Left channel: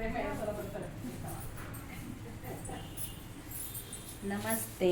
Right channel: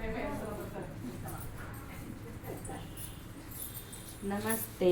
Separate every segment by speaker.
Speaker 1: नमस्ते नमस्ते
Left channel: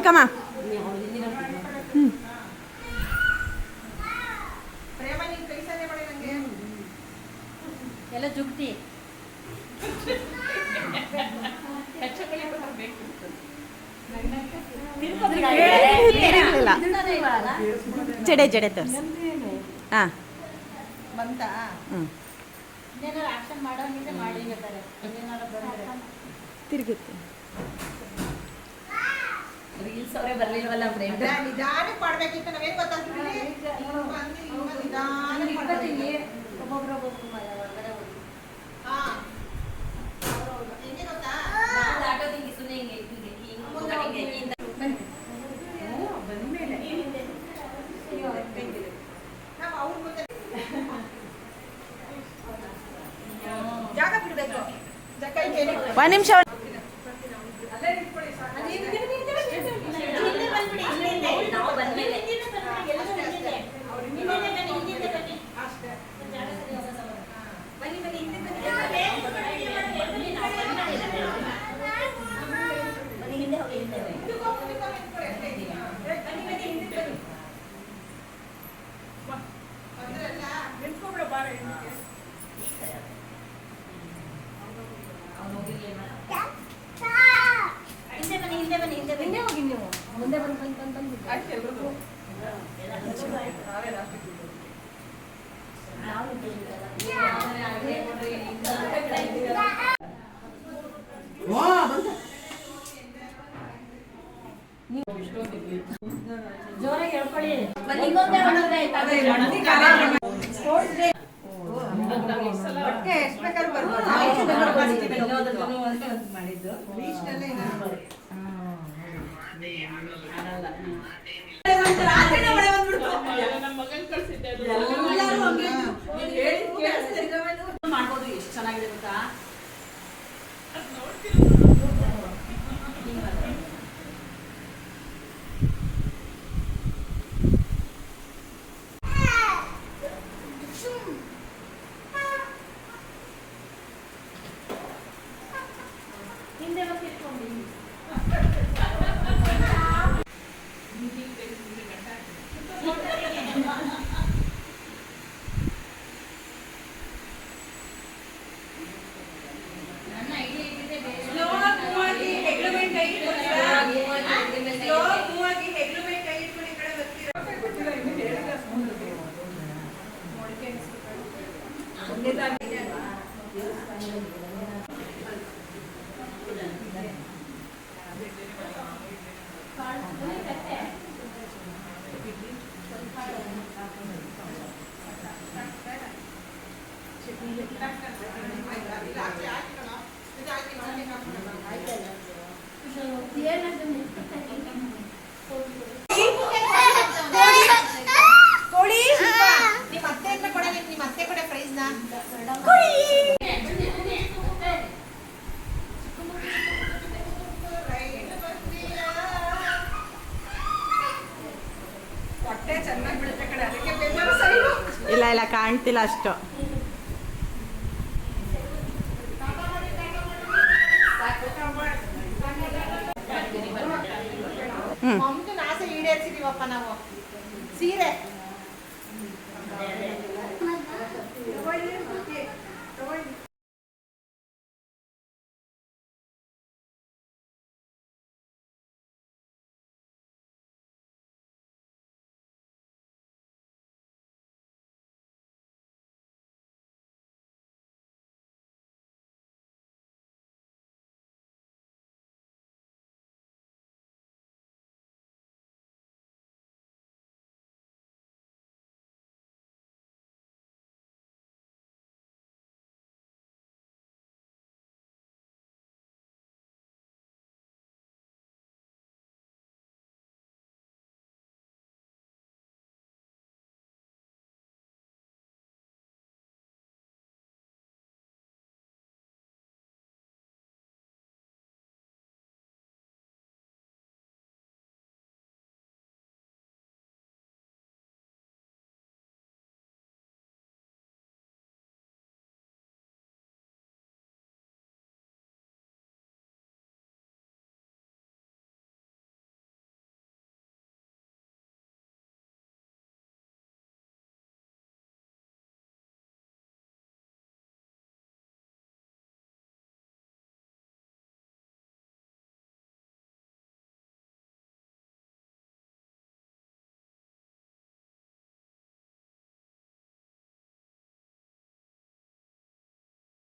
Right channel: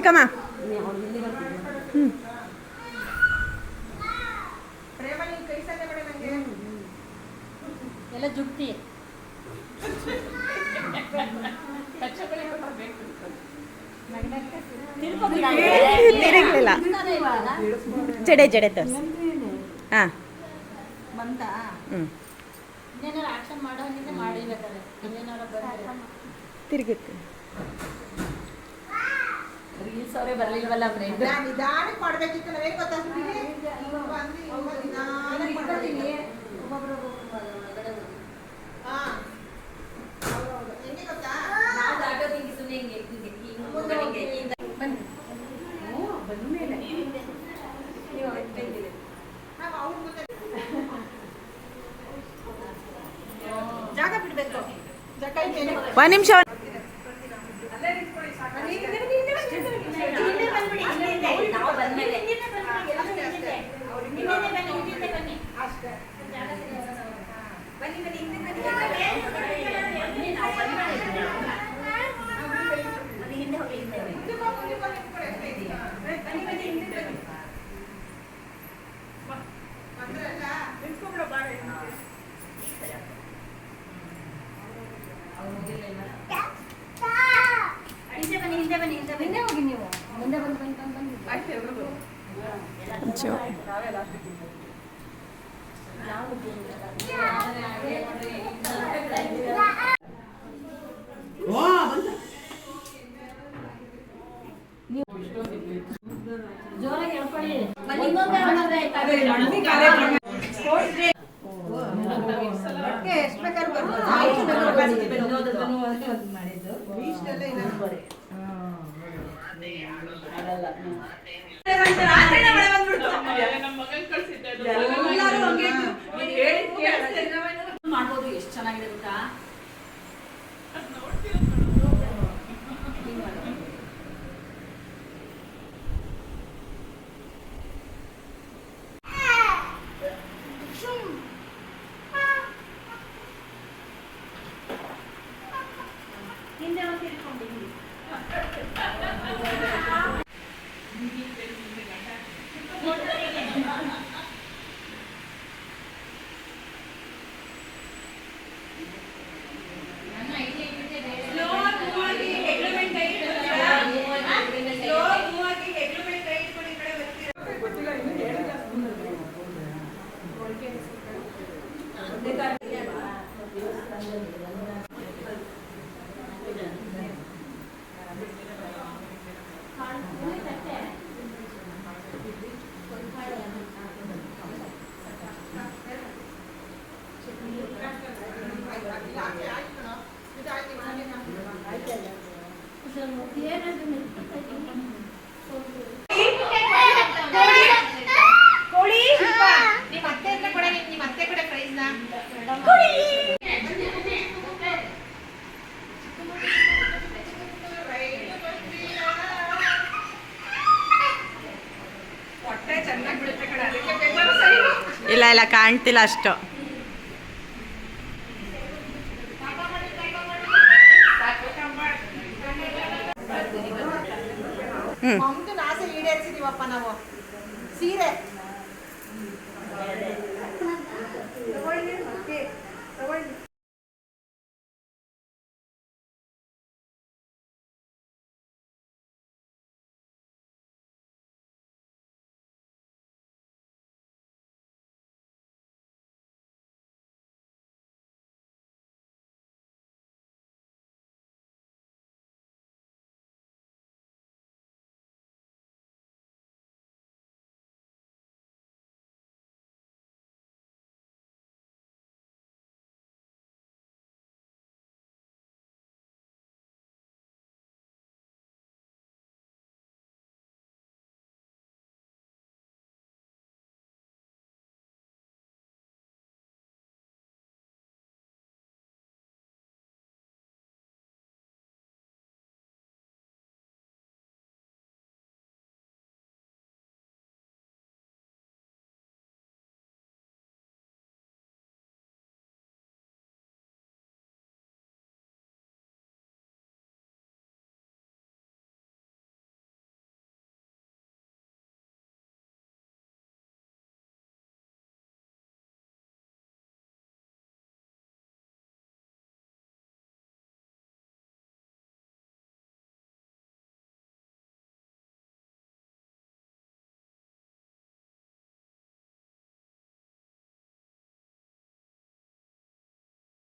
Speaker 2: ಚಿಕ್ಕಮ್ಮ
Speaker 1: ಎಲ್ಲ ಜುಗ್ತಿ.
Speaker 2: ತಿರುಗಲಿಲ್ಲ ಜಡೆ ಜಡೆ ತೋರ್ಸಿ. ಹಾಂ. ಹ್ಞೂ ತಿರುಗುತ್ತೆ
Speaker 1: ರೀಲ್ಸ್ ಅವರೇ ಬರ್ಲಿಲ್ವಲ್ಲ ಫ್ರೆಂಡ್
Speaker 3: ನಿಧಾನಕ್ಕೆ ಮಾಡ್ಬೇಕಿತ್ತು ನಾವೇನ್ ಗೊತ್ತಾಗ್ತಿದ್ದೀವಿ ನಿಧಾನಕ್ಕೆ ಮಾಡ್ಬೇಕು.
Speaker 1: ಒಬ್ಬೊಬ್ರು ಒಳಗಡೆ ಹೋಗಿ
Speaker 3: ಹಾ ಹೌದೌದು. ಹೆಂಗೆ ಗೊತ್ತಾ ನಾವು ಅವ್ರ ಮುಂದೆ ಜಾಗ ಬಿಡ್ಬೇಕು ಜಾಗ ಇದೆ.
Speaker 2: ಒಂದು ನಿಮಿಷ
Speaker 1: ಜೋರಾಗಿ ಹೇಳ್ಕೊಳ್ಳಿ?
Speaker 3: ಬಟ್ಟೆ ಎಷ್ಟ್ ಬೇಕಾದ್ರೂ
Speaker 1: ಮಾಡ್ಬೋದು ಎಷ್ಟು ಚೆನ್ನಾಗಿದೆ ಗೊತ್ತಾ ಹಿಂದೆ ಒಂದು ತಿರ್ಕೊಂಡು
Speaker 3: ಇಲ್ಲ,
Speaker 2: ಇಲ್ಲ ಇಲ್ಲ ಕಾಣ್ತಿಲ್ಲ ಅಷ್ಟು. ಹ್ಞೂ
Speaker 3: ಸೀರೆ.